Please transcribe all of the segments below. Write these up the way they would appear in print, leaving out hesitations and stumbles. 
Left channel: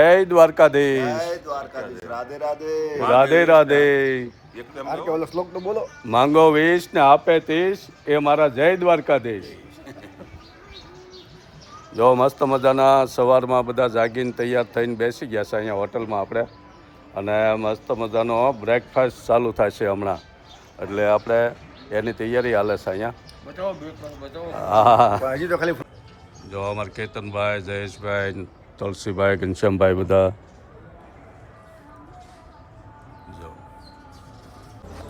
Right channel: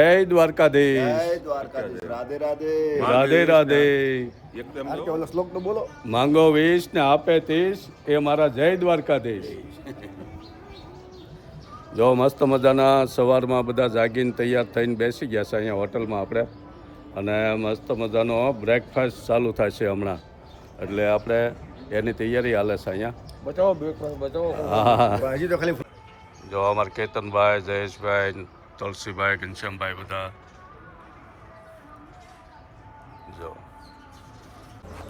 જય દ્વારકાધીશ. જય દ્વારકાધીશ. રાધે રાધે. રાધે રાધે. એકદમ ઓલો શ્લોક તો બોલો. માંગો 20 ને આપે 30, એ મારા જય દ્વારકાધીશ. જો મસ્ત મજાના સવારમાં બધા જાગીને તૈયાર થઈને બેસી ગયા છે અહીંયા હોટલમાં આપણે, અને મસ્ત મજાનો બ્રેકફાસ્ટ ચાલુ થશે હમણાં, એટલે આપણે એની તૈયારી હાલે છે અહીંયા. હા, હજી તો ખાલી જો અમારા કેતનભાઈ, જયેશભાઈ, તુલસીભાઈ, ઘનશ્યામભાઈ બધા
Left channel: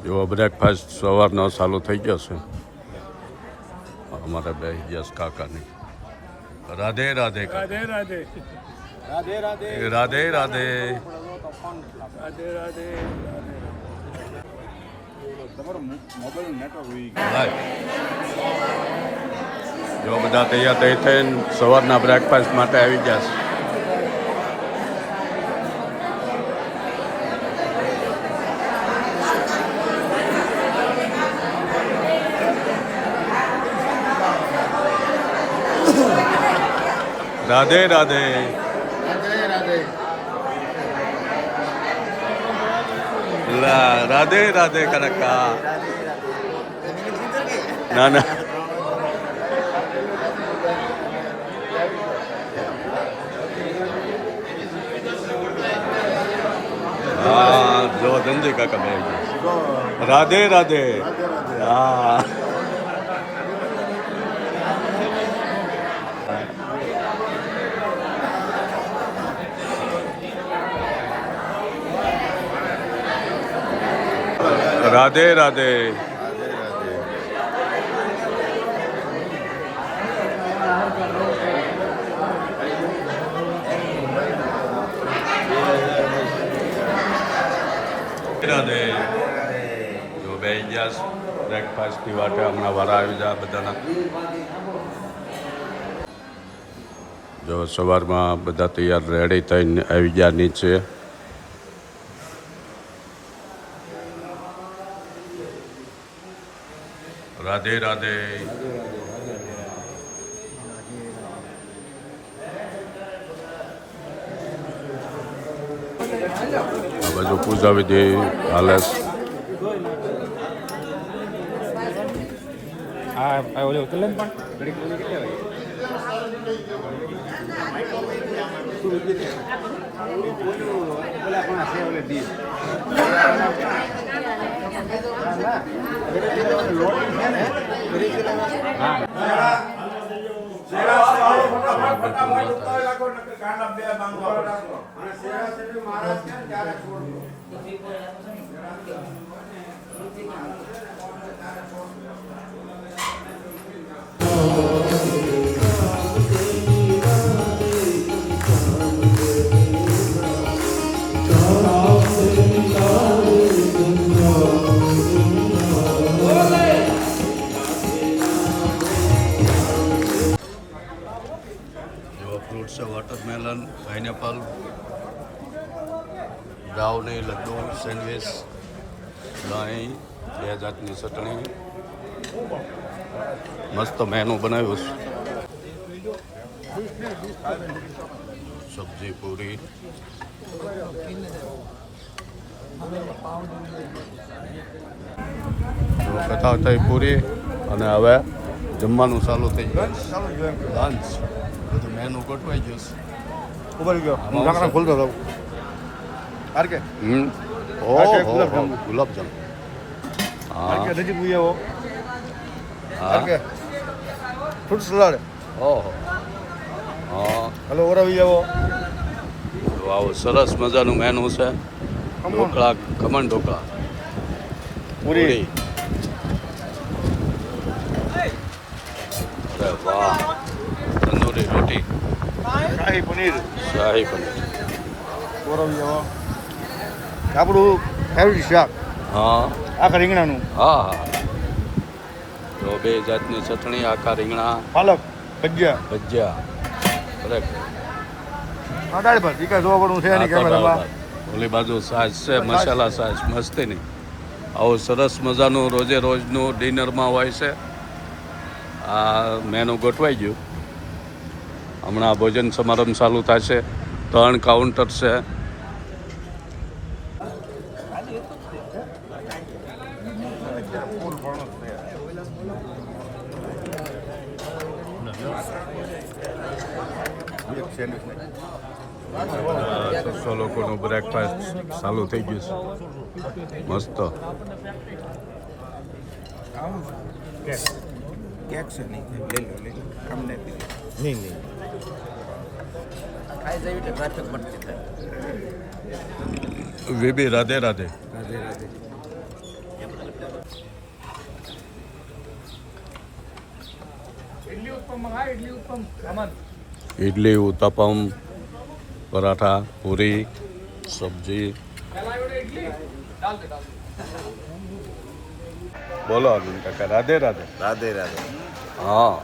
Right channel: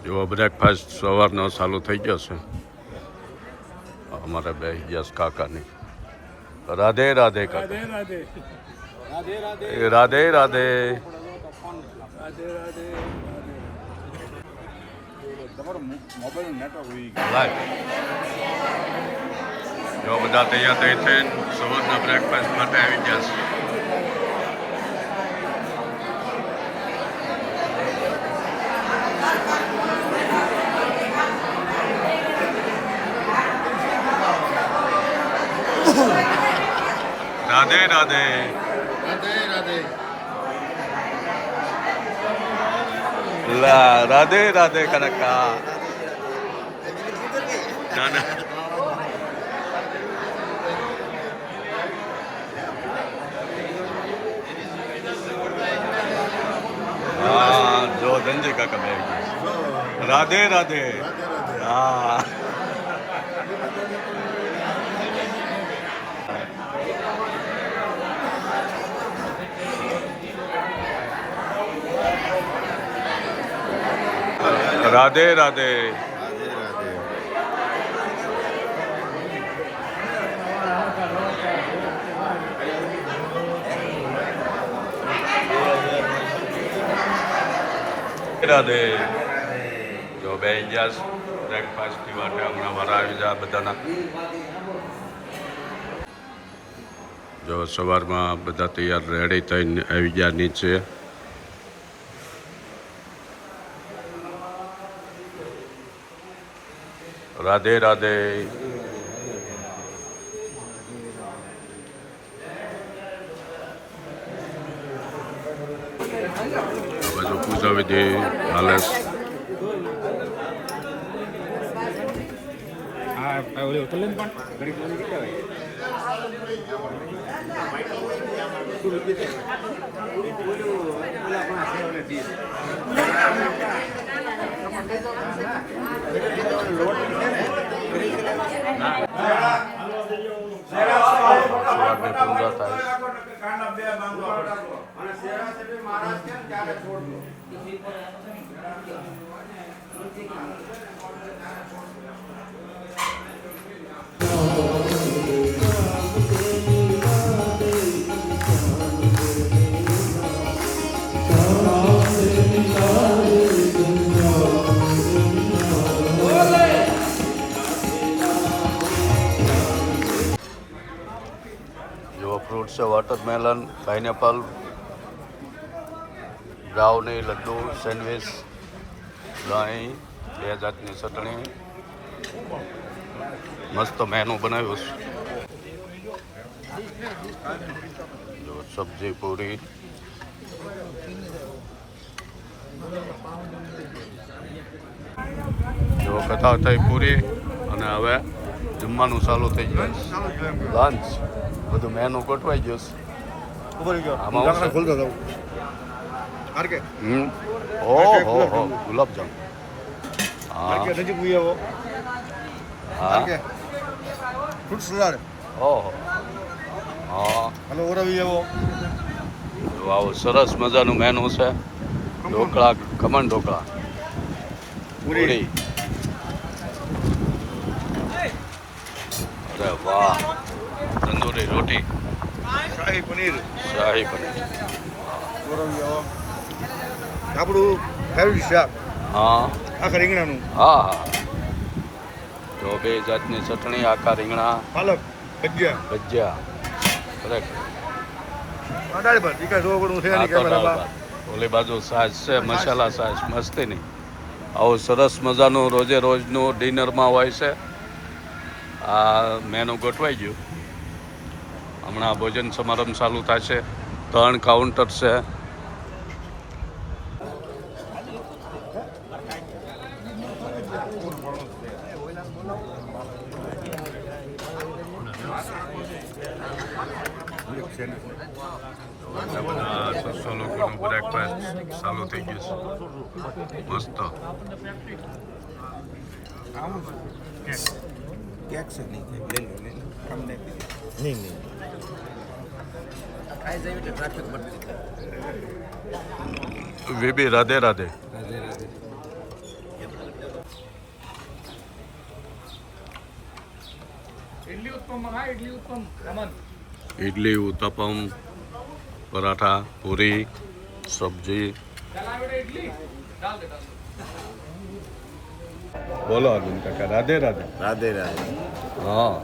જો બ્રેકફાસ્ટ સવારનો ચાલુ થઈ ગયો છે. અમારે બે યસ કાકાની રાધે રાધે રાધે રાધે રાધે રાધે. રાધે રાધે. રાધે રાધે. તમારો મોબાઈલ નેટવર્ક હોઈ લાઈવ જો બધા તૈયાર થઈ થઈને સવારના બ્રેકફાસ્ટ માટે આવી ગયા છે. રાધે રાધે. રાધે રાધે. રાધે રાધે કનકા. ના ના, હા જો ધનજી કાકા બે રાધે રાધે. હા રાધે રાધે. રાધે. જો બે ગયા બ્રેકફાસ્ટ પીવા હમણાં વારા આવી જાય બધાના. જો સવારમાં બધા તૈયાર રેડી થઈને આવી ગયા નીચે. રાધે રાધે. આ બાજુ પૂજા વિધિ હાલે છે. હા ઓલે ઉતરલે પણ ફ્રૂટ છે watermelon, pineapple, brownie, laddu, sandwich, દહીં, 2 જાતની ચટણી, મસ્ત મેનુ બનાવ્યું છે. સબ્જી, પૂરી, જો કથા થઈ પૂરી, અને હવે જમવાનું ચાલુ થઈ ગયું. લંચ બધું મેનુ ગોઠવાઈ ગયું છે. આમાં શું? ખોલતો હતો આરકે ઓહો ગુલાબજામ. હા નજીક આવો. હા આરકે ફૂડ સલાડ. ઓહો હા. હલો ઓરાવી આવો. તો આવું સરસ મજાનું મેનુ છે. ઢોકળા, ખમણ ઢોકળા, પૂરી. અરે વાહ, તંદૂરી રોટી, શાહી પનીર. શાહી પનીર. ઓરાવી આવો. આપણું ફેવરિટ શાક હા આખા રીંગણાનું. હા હા. તો 2 જાતની ચટણી, આખા રીંગણા, પાલક ભજીયા. ભજીયા. ખરેખર દાળ ભાત ટીકા જોવા પડવું છે. આ તો દાળ ભાત. ઓલી બાજુ સાસ છે, મસાલા સાસ મસ્તીની. આવું સરસ મજાનું રોજે રોજનું ડિનરમાં હોય છે. આ મેનુ ગોઠવાઈ ગયું. હમણાં ભોજન સમારંભ ચાલુ થશે. 3 કાઉન્ટર છે. બધા લોકોનું બ્રેકફાસ્ટ ચાલુ થઈ ગયું છે. મસ્ત. વીબી રાધે રાધે. ઇડલી, ઉત્તપમ, પરાઠા, પૂરી, સબ્જી. બોલો અરવિંદ કાકા, રાધે રાધે. રાધે રાધે. હા.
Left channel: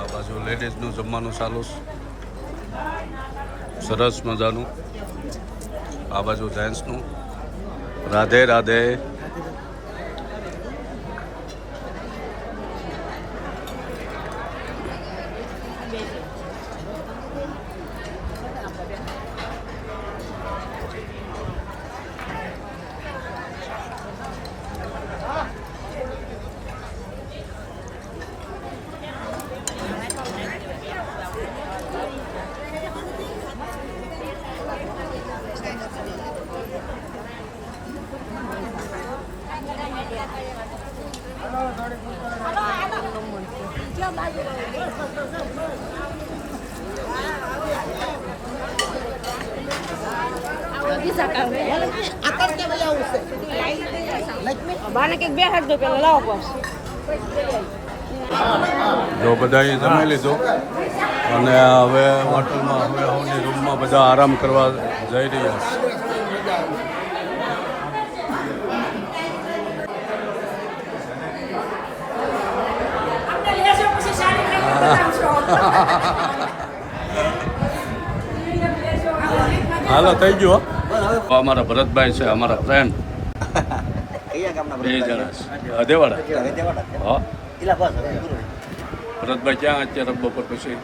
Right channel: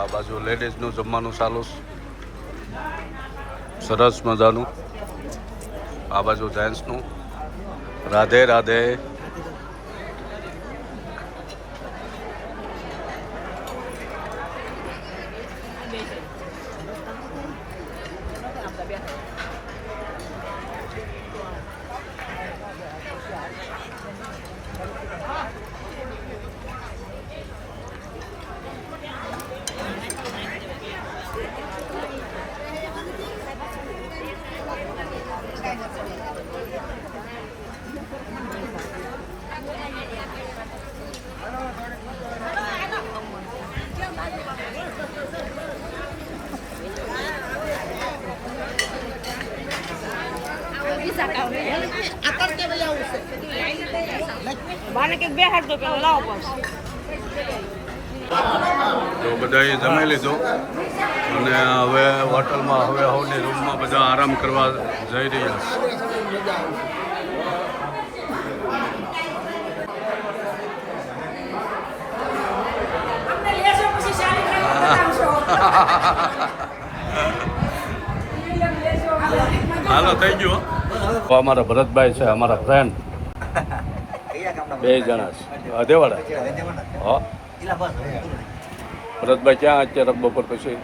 આ બાજુ લેડીઝનું જમવાનું ચાલુ છે, સરસ મજાનું. આ બાજુ જેન્ટ્સનું. રાધે રાધે. જો બધાએ જમી લીધું અને હવે હોટલમાં હવે હોની રૂમમાં બધા આરામ કરવા જઈ રહ્યા છે. હાલો થઈ ગયું. અમારા ભરતભાઈ છે, અમારા ફ્રેન્ડ, 2 જણા છે, અદેવાડા. હા, ભરતભાઈ ક્યાં અત્યારે બપોર પછી?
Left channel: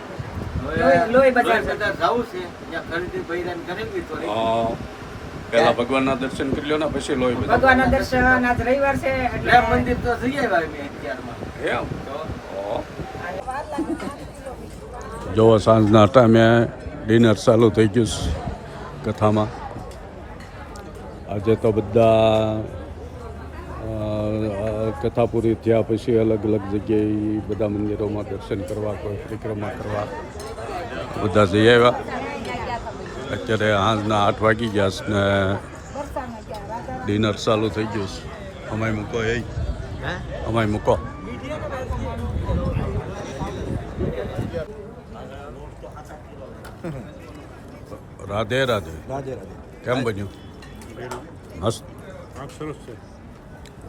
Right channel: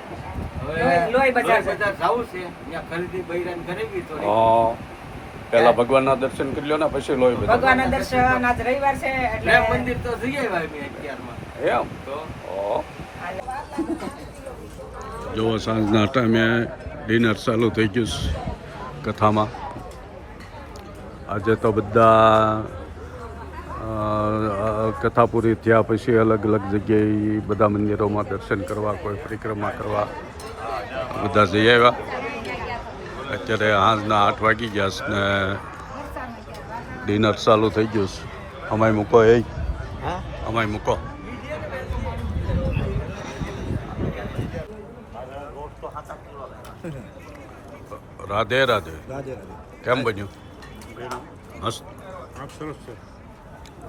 હા, પહેલા ભગવાનના દર્શન કરી લ્યો ને પછી લોહી બધા ભગવાનના દર્શન આજ રવિવાર છે એટલે મંદિર તો જઈ આવ્યા મેં અત્યારમાં એમ જો સાંજના ટાઈમે ડિનર ચાલુ થઈ ગયું છે કથામાં. આજે તો બધા કથા પૂરી થયા પછી અલગ અલગ જગ્યાએ બધા મંદિરોમાં દર્શન કરવા, કોઈ પરિક્રમા કરવા બધા જઈ આવ્યા. અત્યારે સાંજના 8 વાગી ગયા છે ને ડિનર ચાલુ થઈ ગયું છે. અમાય મૂકો અમાય મૂકો. રાધે રાધે. કેમ બન્યું? મસ્ત. સરસ છે.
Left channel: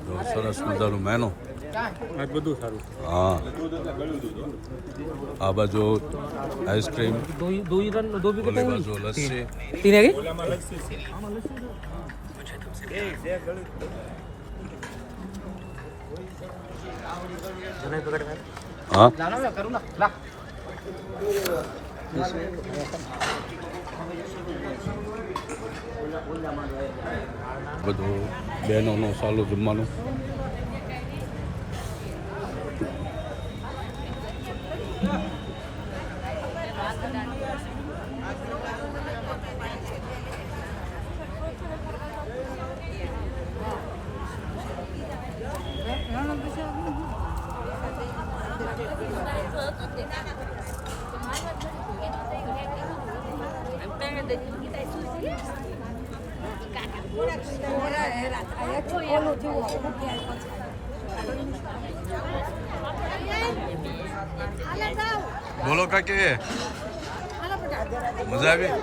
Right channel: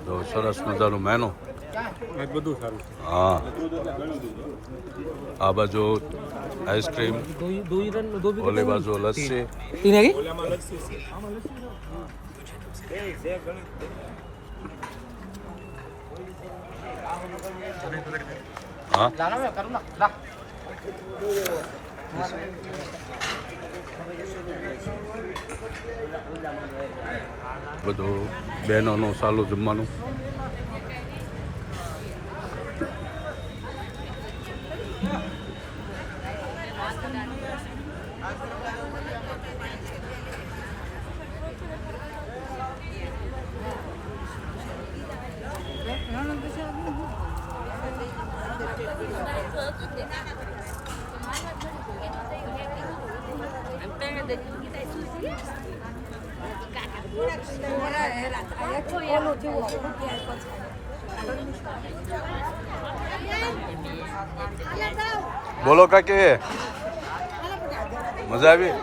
તો સરસ મજાનું મેનુ. બધું સારું છે. હા, આ બાજુ આઈસ્ક્રીમ, ઓલી બાજુ લસ્સી. હા, બધું બહેનોનું ચાલુ જમવાનું. બોલો કાકી, મજા આવી?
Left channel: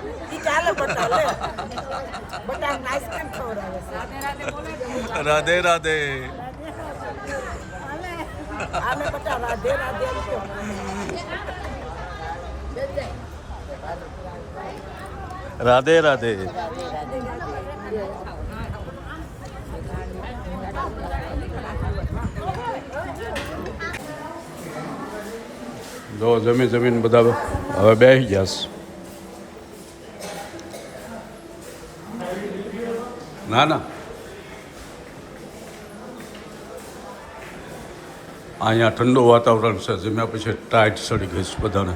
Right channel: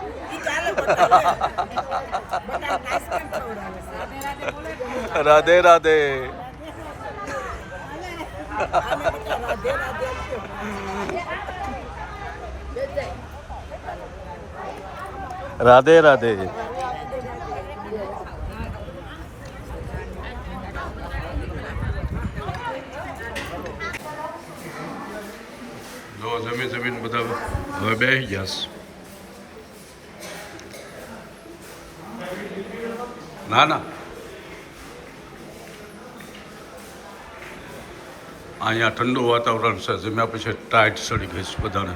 રાધે રાધે. રાધે રાધે. જો જમીન બધા હવે બેસી ગયા છે. ના અહીંયા ઠંડુ વાતાવરણ છે, જમ્યા પછી ટાઈટ ચડી ગઈ છે બધાને.